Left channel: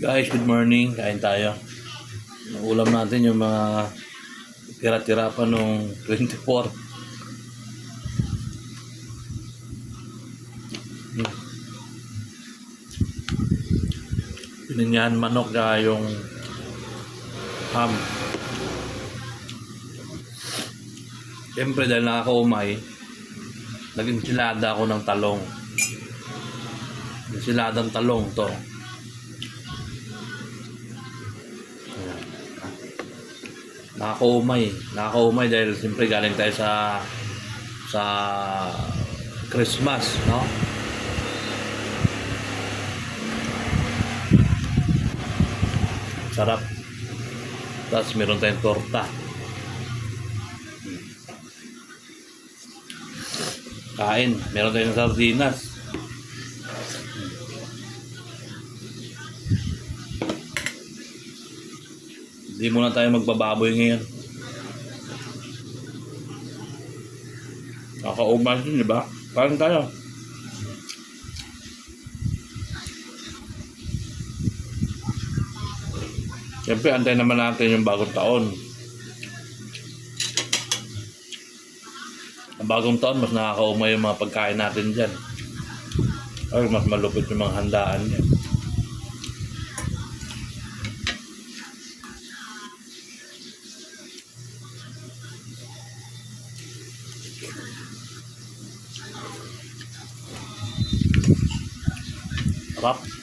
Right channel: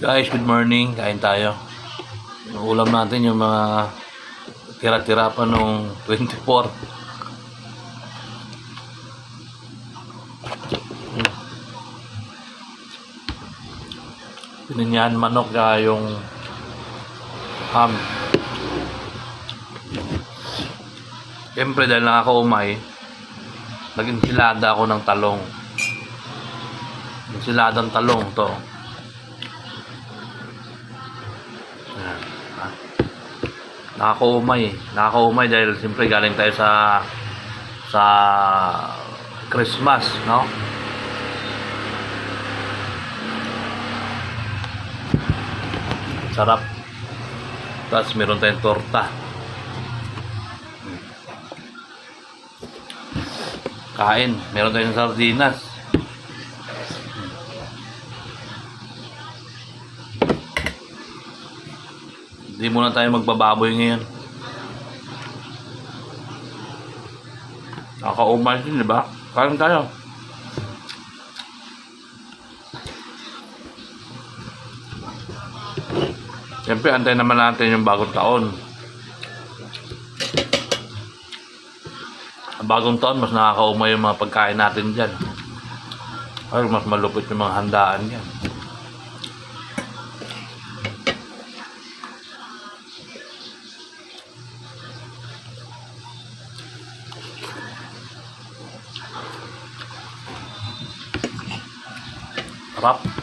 Guys, good morning. Kain tayo. Ang ulam natin yung mga tira-tira pa nung 24. Pininyahan manok na yung ham. Siyempre dahil nakakaumay, nag-insilada ako ng talong. Insiladang talong to. Nakakaumay dahil siyempre galing tayo sa Christmas, no? Sarap. Tapos meron tayong torta. Kain, meron tayong sardinas. Hindi muna tayo magbababoy ngayon. Nakakaumay din, di ba? Kain tayo. Siyempre, antay naman natin yung bagong taon. Ang bagong taon, mas nakakaumay yung mga pagkain natin dyan. Ay, mas malupit yung mga handaan dyan. Sarap.